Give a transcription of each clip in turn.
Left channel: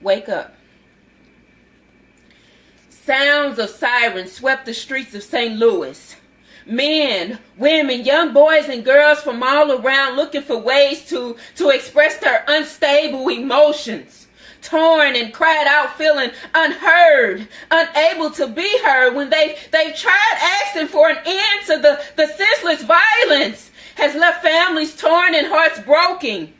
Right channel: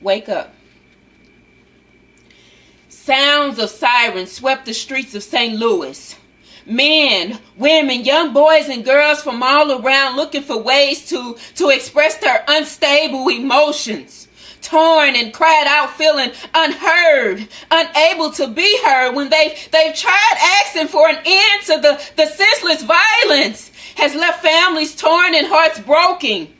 Wake up. Sounds of sirens swept the streets of St. Louis. Men, women, young boys and girls from all around looking for ways to express their unstable emotions. Torn and cried out, feeling unheard, unable to be heard when they've tried asking for an end to the senseless violence has left families torn and hearts broken.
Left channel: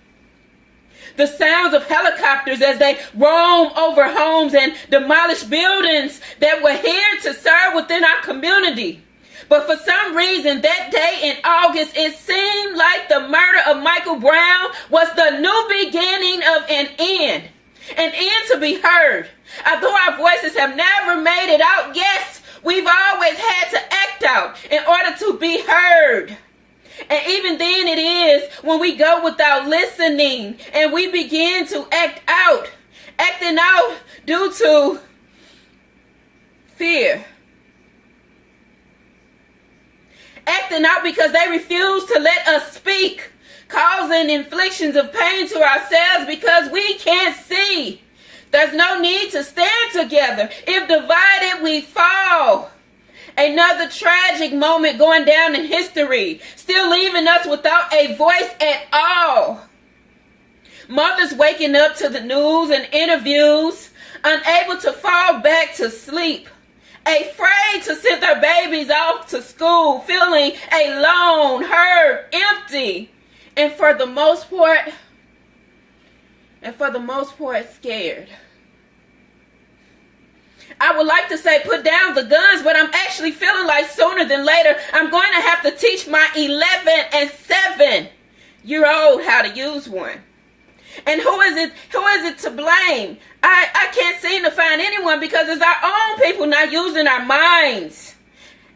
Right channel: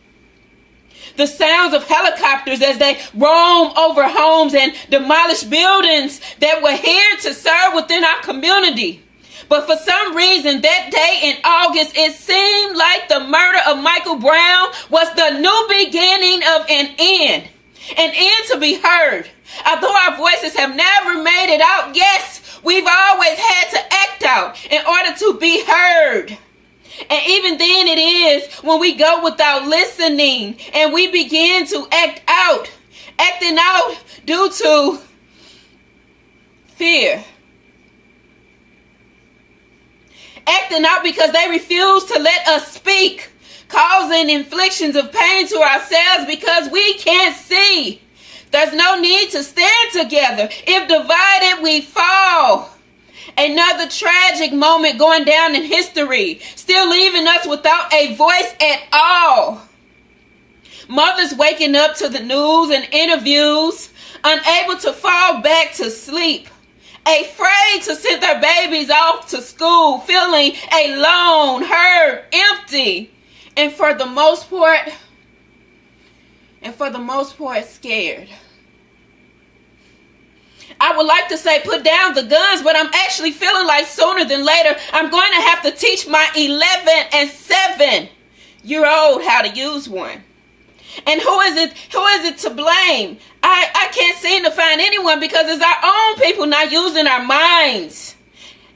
The sounds of helicopters as they roam over homes and demolish buildings that were here to serve within our community. But for some reason, that day in August, it seemed like the murder of Michael Brown was the new beginning of an end to be heard. Although our voices have never made it out, yes, we've always had to act out in order to be heard. And even then it is when we go without listening and we begin to acting out due to fear. Acting out because they refuse to let us speak, causing inflictions of pain to ourselves because we can't see. There's no need to stand together. If divided, we fall. Another tragic moment going down in history, still leaving us without a voice at all. Mothers waking up to the news and interviews, unable to fall back to sleep, afraid to send their babies off to school, feeling alone, hurt, empty, and for the most part, scared. I would like to say put down the guns, but I'm actually feeling like sooner than later, I'm going to have to teach my 11 and 7-year-old how to use one. And who is it to blame? I can't seem to find anyone because it's our own people not using our minds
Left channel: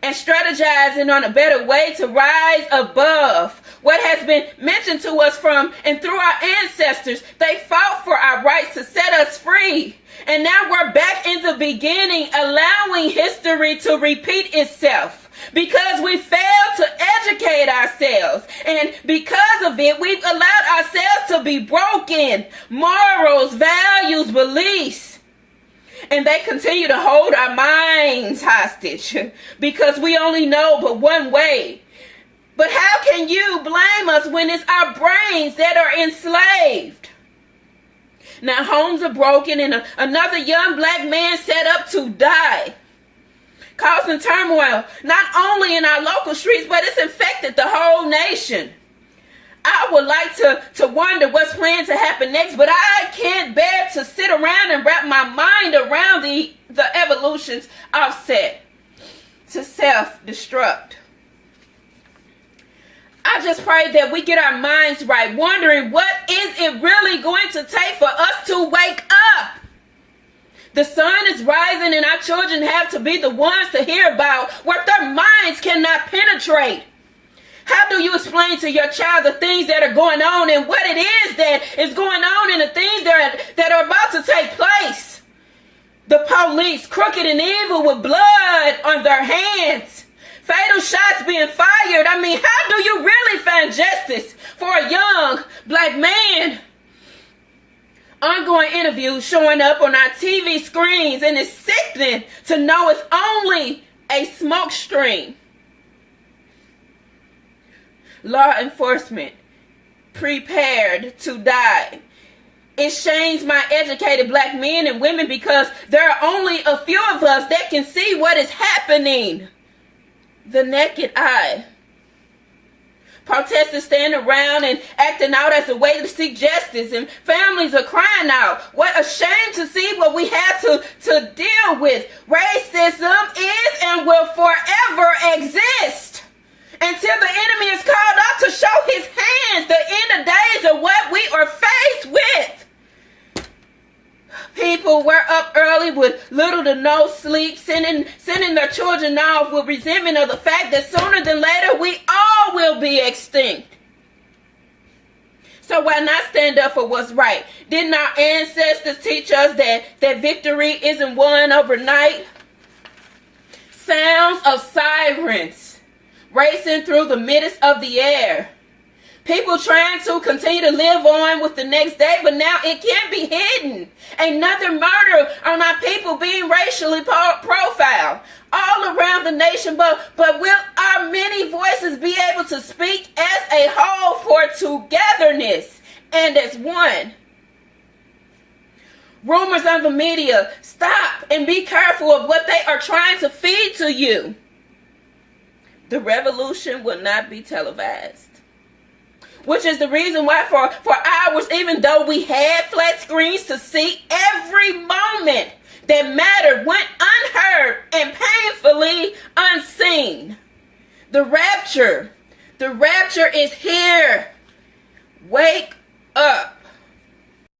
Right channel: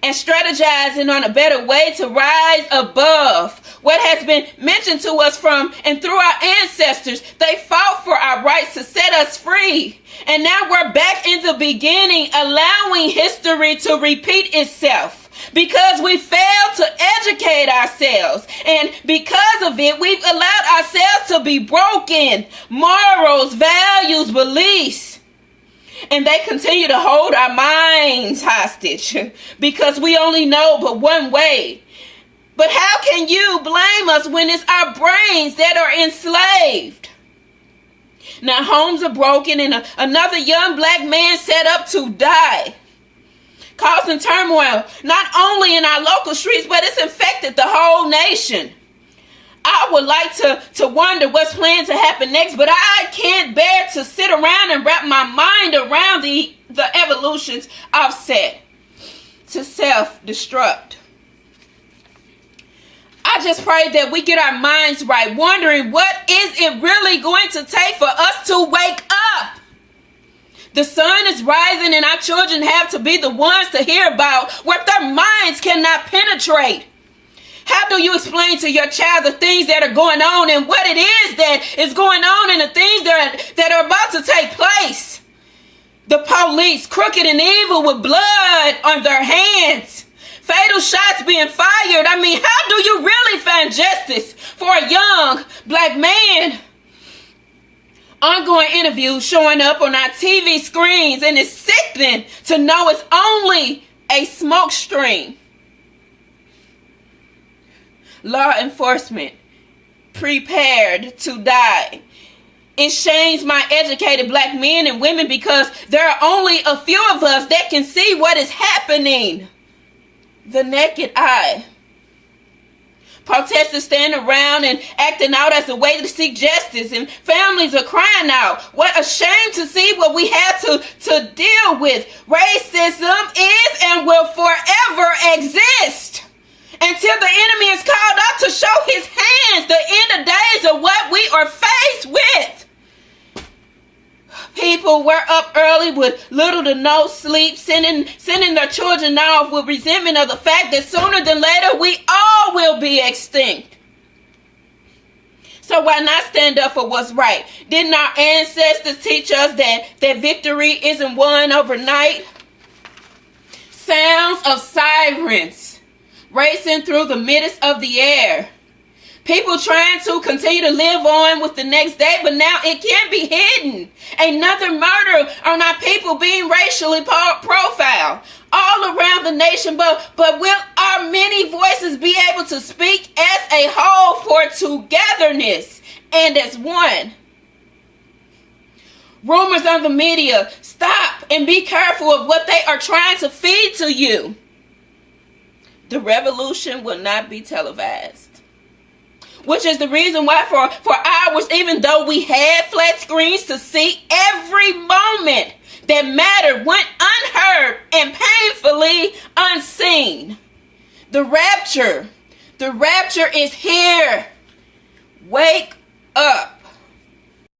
and strategizing on a better way to rise above what has been mentioned to us from and through our ancestors. They fought for our rights to set us free. And now we're back in the beginning, allowing history to repeat itself because we failed to educate ourselves. And because of it, we've allowed ourselves to be broken. Morals, values, beliefs. And they continue to hold our minds hostage because we only know but one way. But how can you blame us when it's our brains that are enslaved? Now homes are broken and another young black man set up to die, causing turmoil not only in our local streets, but it's infected the whole nation. I would like to wonder what's planned to happen next, but I can't bear to sit around and wrap my mind around the evolutions offset to self-destruct. I just pray that we get our minds right, wondering what is it really going to take for us to wake up. The sun is rising and our children have to be the ones to hear about what their minds cannot penetrate. How do you explain to your child the things that are going on and what it is that is going on and the things that are about to take place? The police, crooked and evil with blood on their hands. Fatal shots being fired. I mean, how do you really find justice for a young black man? Ongoing interviews showing up on our TV screens, and it's sickening to know it's only a smoke screen. Law enforcement prepared to die. It shames my educated black men and women because there are only a few of us that can see what is happening. The naked eye. Protesters stand around and acting out as a way to seek justice, and families are crying out. What a shame to see what we have to deal with. Racism is and will forever exist until the enemy is called out to show his hands. The end of days are what we are faced with. People were up early with little to no sleep, sending their children off with resentment of the fact that sooner than later we all will be extinct. So why not stand up for what's right? Didn't our ancestors teach us that victory isn't won overnight? Sounds of sirens racing through the midst of the air. People trying to continue to live on with the next day, but now it can't be hidden. Another murder on our people being racially profiled all around the nation. But will our many voices be able to speak as a whole for togetherness and as one? Rumors on the media, stop and be careful of what they are trying to feed to you. The revolution will not be televised. Which is the reason why for hours, even though we had flat screens to see, every moment that mattered went unheard and painfully unseen. The rapture is here. Wake up.